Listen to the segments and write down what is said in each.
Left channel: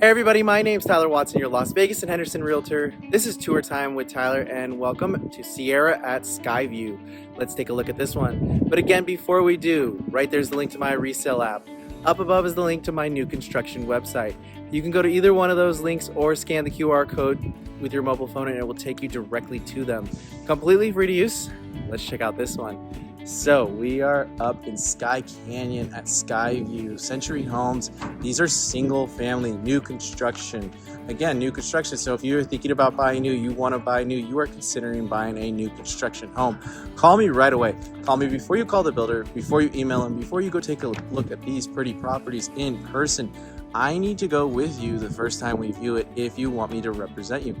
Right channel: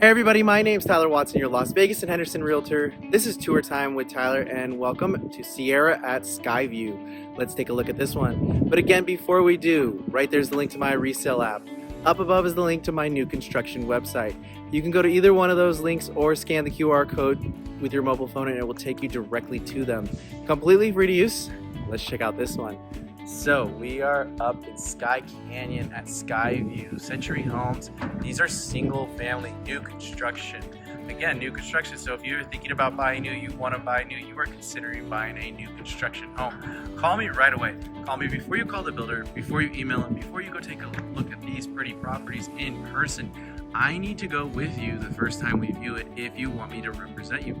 Hey everybody, my name's Tyler Watson, your Las Vegas and Henderson Realtor. This is Tour Time with Tyler and welcome to Sierra at Skyeview. Let's take a look at this one. But again, before we do, right there's the link to my resale app. Up above is the link to my new construction website. You can go to either one of those links or scan the QR code with your mobile phone and it will take you directly to them. Completely free to use. Let's check out this one. So we are up in Skye Canyon at Skyeview, Century Homes. These are single family, new construction. Again, new construction. So if you're thinking about buying new, you want to buy new, you are considering buying a new construction home, call me right away. Call me before you call the builder, before you email them, before you go take a look at these pretty properties in person. I need to go with you the first time we view it if you want me to represent you.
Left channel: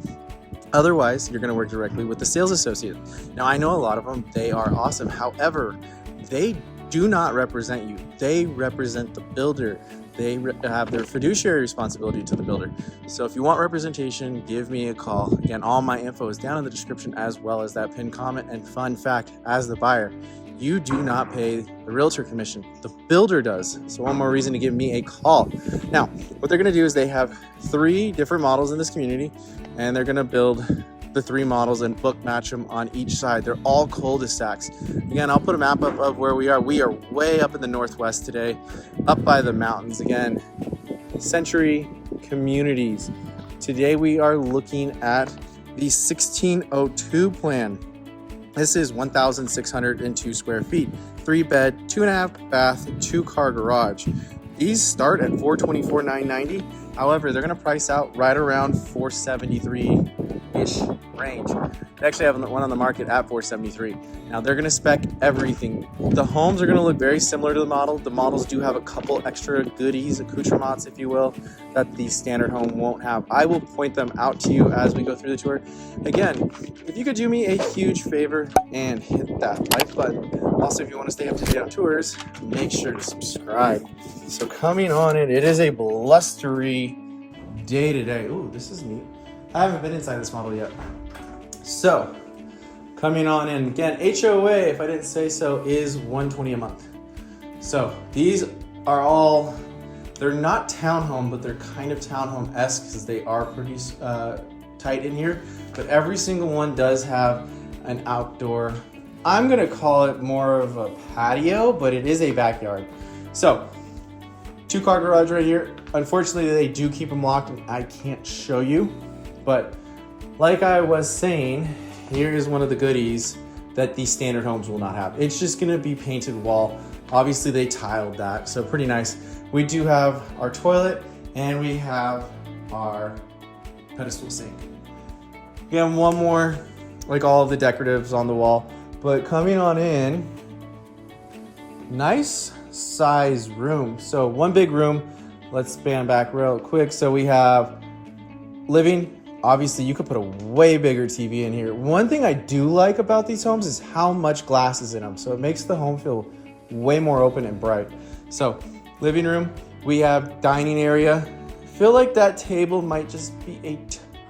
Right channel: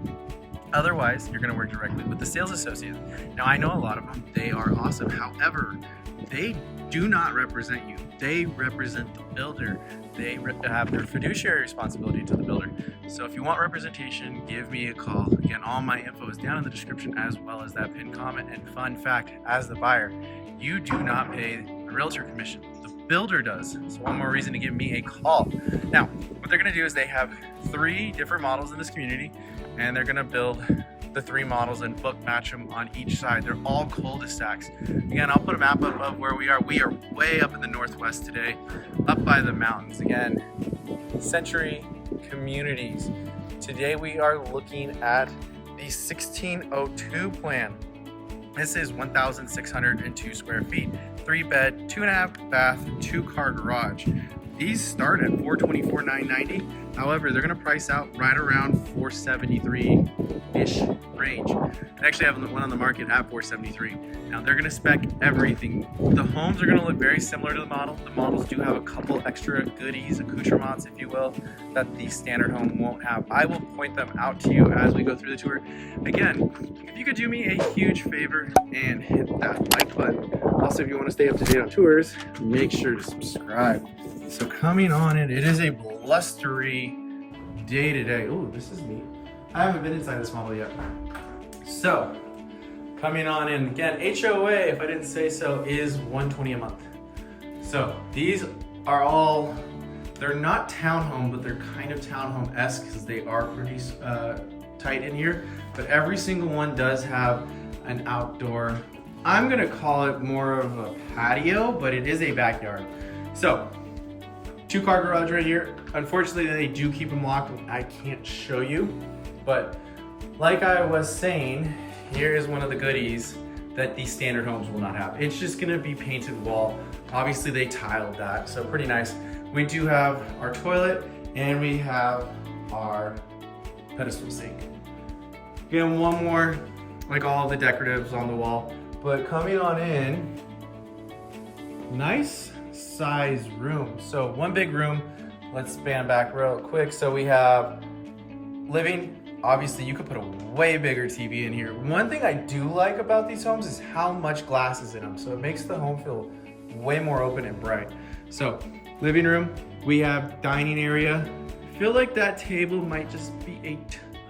Otherwise, you're going to work directly with the sales associate. Now, I know a lot of them, they are awesome. However, they do not represent you. They represent the builder. They have their fiduciary responsibility to the builder. So if you want representation, give me a call. Again, all my info is down in the description as well as that pinned comment. And fun fact, as the buyer, you do not pay the realtor commission. The builder does. So one more reason to give me a call. Now, what they're going to do is they have 3 different models in this community, and they're going to build the 3 models and book match them on each side. They're all cul-de-sacs. Again, I'll put a map up of where we are. We are way up in the northwest today, up by the mountains. Again, Century Communities. Today we are looking at the 1602 plan. This is 1,602 square feet, 3 bed, 2.5 bath, 2-car garage. These start at $424,990. However, they're going to price out right around $473-ish range. They actually have one on the market at $473. Now they're going to spec everything. The homes are going to look very similar to the model. The models do have a couple extra goodies, accoutrements, if you will, that the standard home won't have. I will point them out to you as we go through the tour. Again, if you could do me a huge favor and hit that like button. Also, if you want to stay up to date on tours, make sure to subscribe. So coming on in, it is a blustery day today. Ooh, this is neat. I haven't been inside this model yet. So, coming on in, again, HOA, if I didn't say so, is $120 a month. So, these are all, they're not townhome, but they're kind of townhome-esque because they are pretty tight in here. But every single one does have an outdoor, I'm gonna call it more of a patio, but it is a backyard. So, 2-car garage right here. Unfortunately, they do keep them locked and I can't show you, but like I was saying, here is one of the goodies that these standard homes will not have. It's just gonna be painted wall. Obviously they tiled that, so pretty nice. We do have our toilet and we have our pedestal sink. Again, one more, like all of the decoratives on the wall, but coming on in, nice size room. So one big room, let's span back real quick. So we have living. Obviously you could put a way bigger TV in here. One thing I do like about these homes is how much glass is in them. So it makes the home feel way more open and bright. So living room, we have dining area. I feel like that table might just be a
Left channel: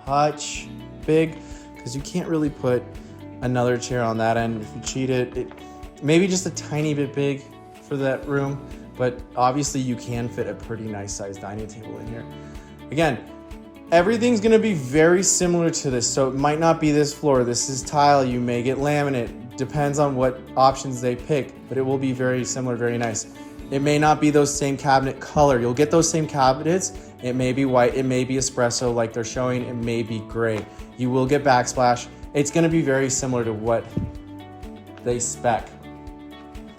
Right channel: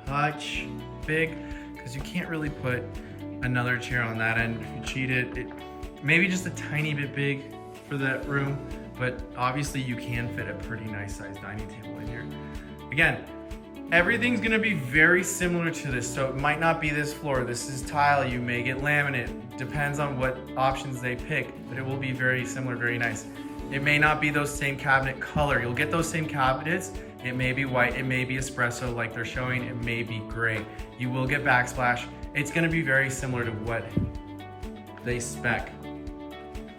touch big because you can't really put another chair on that end. If you cheat it maybe just a tiny bit big for that room, but obviously you can fit a pretty nice sized dining table in here. Again, everything's gonna be very similar to this, so it might not be this floor. This is tile, you may get laminate, depends on what options they pick, but it will be very similar, very nice. It may not be those same cabinet color. You'll get those same cabinets. It may be white, it may be espresso like they're showing, it may be gray. You will get backsplash. It's gonna be very similar to what they spec.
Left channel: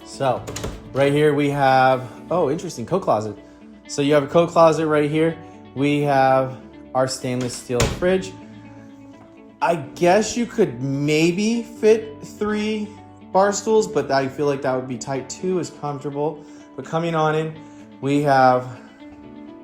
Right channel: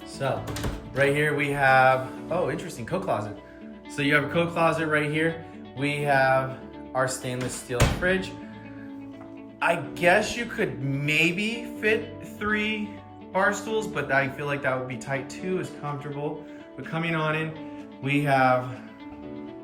So, right here we have, oh, interesting, coat closet. So you have a coat closet right here. We have our stainless steel fridge. I guess you could maybe fit 3 bar stools, but I feel like that would be tight too, is comfortable. But coming on in, we have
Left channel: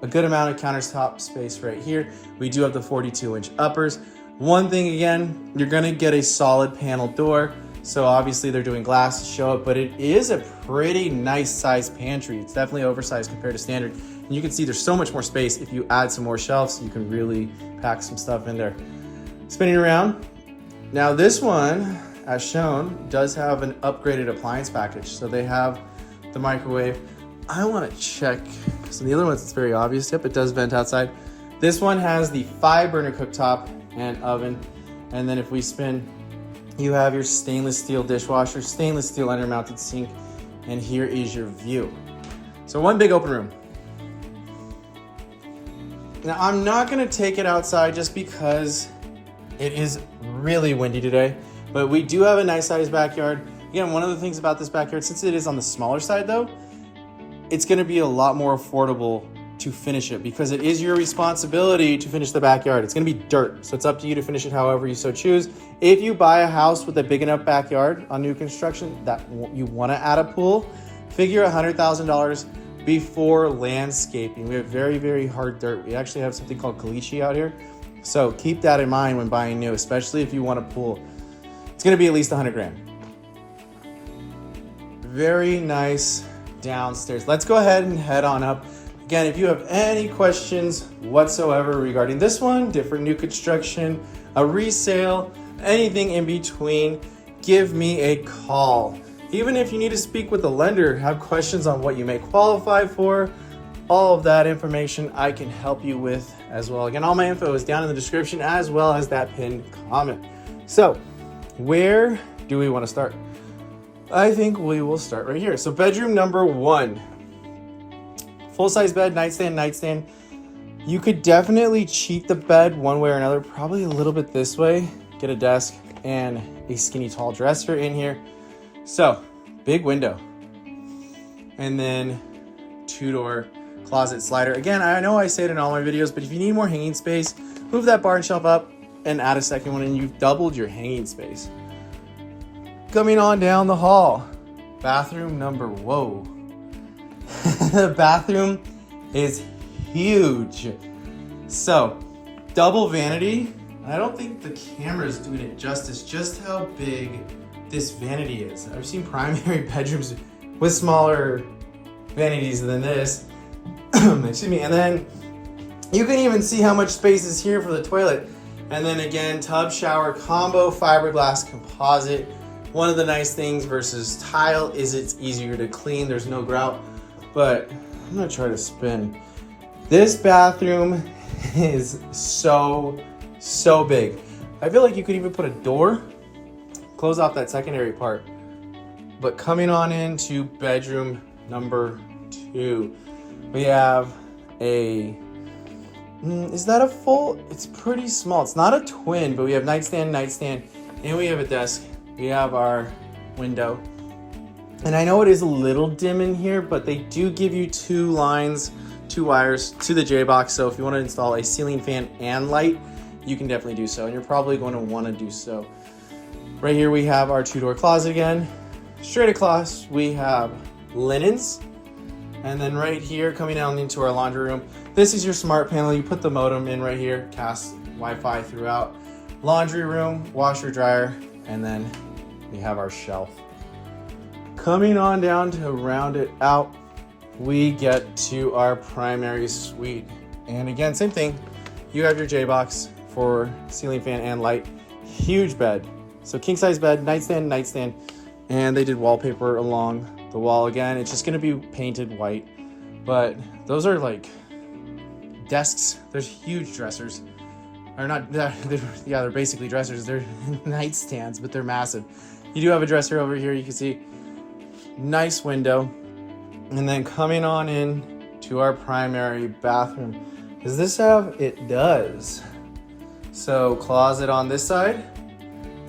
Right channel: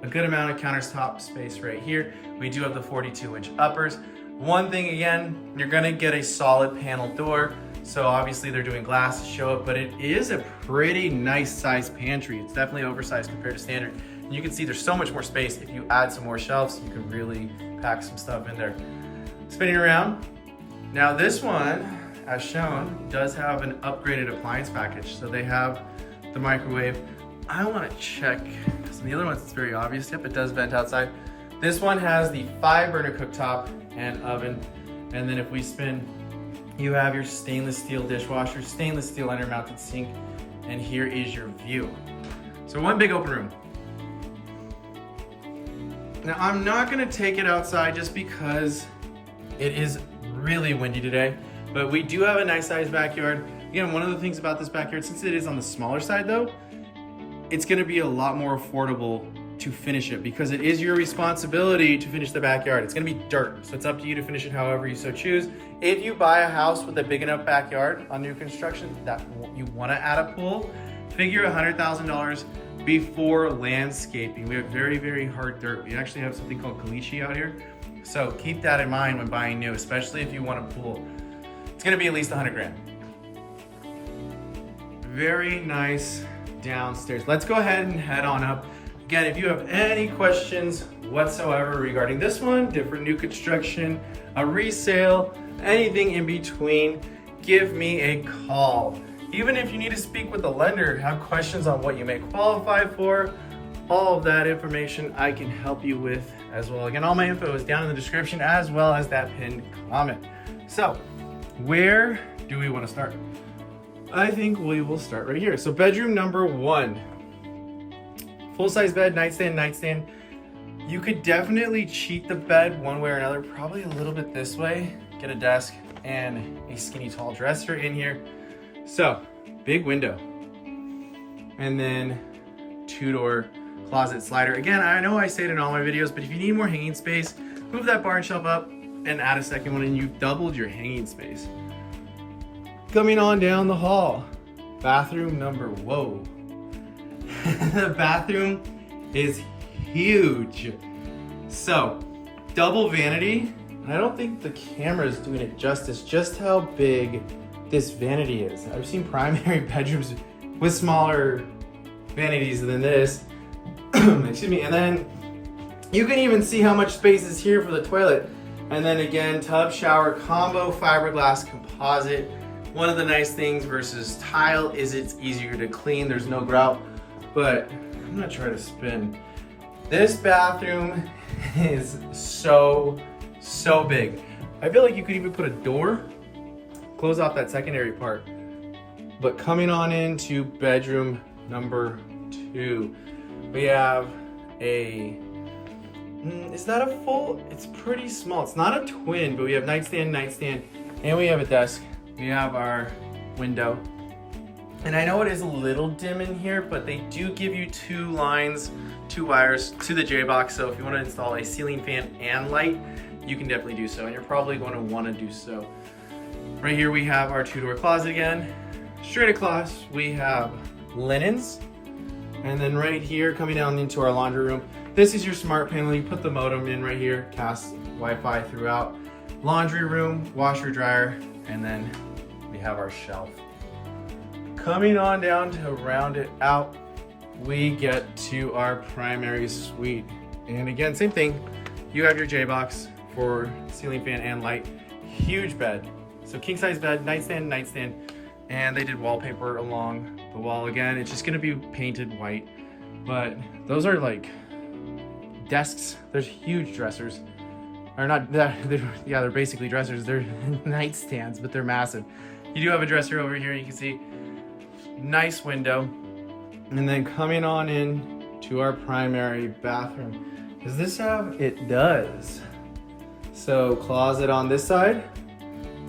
a good amount of countertop space right here. We do have the 42-inch uppers. One thing again, you're gonna get a solid panel door. So obviously they're doing glass to show it, but it is a pretty nice sized pantry. It's definitely oversized compared to standard. And you can see there's so much more space. If you add some more shelves, you can really pack some stuff in there. Spinning around. Now this one, as shown, does have an upgraded appliance package. So they have the microwave. I want to check. So the other ones, it's very obvious. Yep, it does vent outside. This one has the 5-burner cooktop and oven. And then if we spin, you have your stainless steel dishwasher, stainless steel under-mounted sink, and here is your view. So one big open room. Now I'm not gonna take it outside just because it is really windy today, but we do have a nice sized backyard. Again, one of the things about this backyard, since it is on the smaller side though, it's gonna be a lot more affordable to finish it because it is your responsibility to finish the backyard. It's gonna be dirt, so it's up to you to finish it however you so choose. If you buy a house with a big enough backyard on new construction that you wanna add a pool, figure $100,000 before landscaping. We have very, very hard dirt. We actually have something called caliche out here. So keep that in mind when buying new, especially if you want a pool. It's gonna be at least 100 grand. Very nice downstairs. Let's go ahead and head on up. Again, if you have any questions whatsoever regarding this one, different new construction, a resale, anything in between, give me a call. Even if you need to speak with the lender, have questions on what you may qualify for, all of that information I can help you with as well. Again, all my info is down in the description as well as that pinned comment. So where do we want to start? I think we will start right here. So bedroom number 1. Full-size bed, nightstand. You could definitely cheat the bed one way or another, probably a little bit this way. Get a desk and a skinny tall dresser in here. So, big window. And then 2-door closet slider. Again, I know I say it in all my videos, but if you need more hanging space, move that bar and shelf up and add a second one and you've doubled your hanging space. Coming on down the hall, bathroom number, whoa. The bathroom is huge. So, double vanity. I don't think the camera is doing it justice, just how big this vanity is. I've seen primary bedrooms with smaller vanities than this. Excuse me. And then you can even see how much space is here for the toilet. And then again, tub shower combo fiberglass composite. One of the nice things versus tile is it's easier to clean. There's no grout. But I'm gonna try to spin. This bathroom is so big. I feel like you could even put a door, close off that secondary part. But coming on into bedroom number 2, we have a, is that a full? It's pretty small. It's not a twin, but we have nightstand, and we have a desk. We have our window. And I know it is a little dim in here, but they do give you 2 lines, 2 wires to the J-box. So if you want to install a ceiling fan and light, you can definitely do so. And you're probably going to want to do so. Right here we have our 2-door closet again. Straight across we have linens. And then right here coming down into our laundry room, this is your smart panel. You put the modem in right here, cast Wi-Fi throughout. Laundry room, washer dryer, and then we have our shelf. Coming on down to round it out, we get to our primary suite. And again, same thing. You have your J-box for ceiling fan and light. Huge bed. So king size bed, nightstand, and they did wallpaper along the wall. Again, it's just gonna be painted white, but those are like desks. There's huge dressers. Or not, they're basically dressers. They're nightstands, but they're massive. You do have a dresser over here, you can see. Nice window. And then coming on in to our primary bathroom. Does this have? It does. So closet on this side.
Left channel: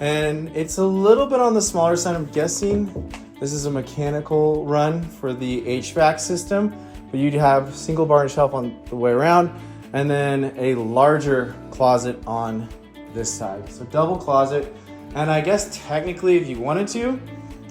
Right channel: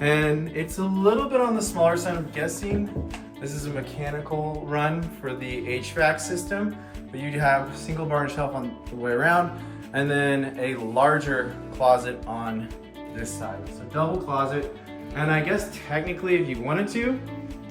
And it's a little bit on the smaller side, I'm guessing. This is a mechanical run for the HVAC system. But you'd have single bar and shelf on the way around. And then a larger closet on this side. So double closet. And I guess technically if you wanted to,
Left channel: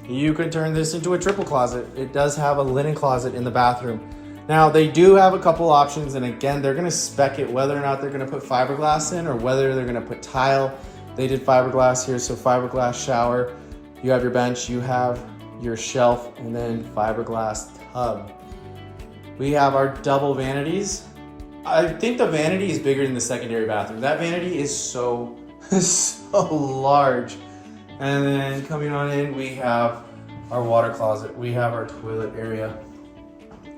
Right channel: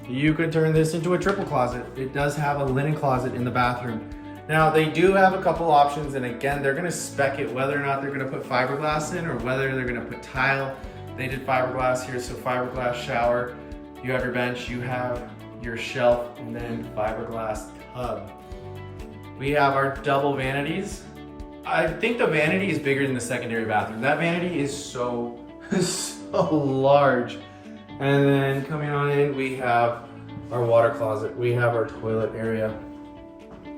you could turn this into a triple closet. It does have a linen closet in the bathroom. Now they do have a couple options, and again, they're gonna spec it whether or not they're gonna put fiberglass in or whether they're gonna put tile. They did fiberglass here, so fiberglass shower. You have your bench, you have your shelf, and then fiberglass tub. We have our double vanities. I think the vanity is bigger than the secondary bathroom. That vanity is so large. And then coming on in, we have our water closet. We have our toilet area.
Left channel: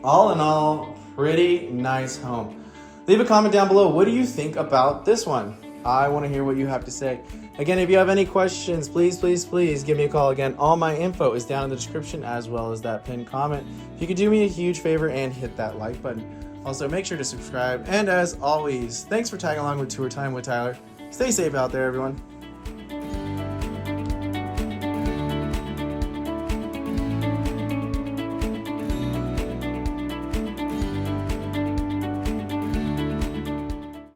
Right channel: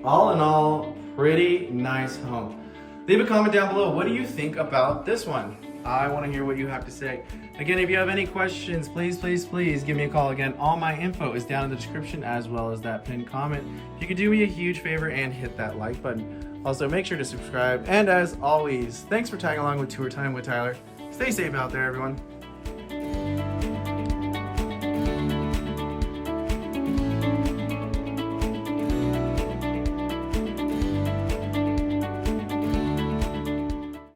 All in all, pretty nice home. Leave a comment down below. What do you think about this one? I want to hear what you have to say. Again, if you have any questions, please give me a call. Again, all my info is down in the description as well as that pinned comment. You could do me a huge favor and hit that like button. Also, make sure to subscribe. And as always, thanks for tagging along with Tour Time with Tyler. Stay safe out there, everyone.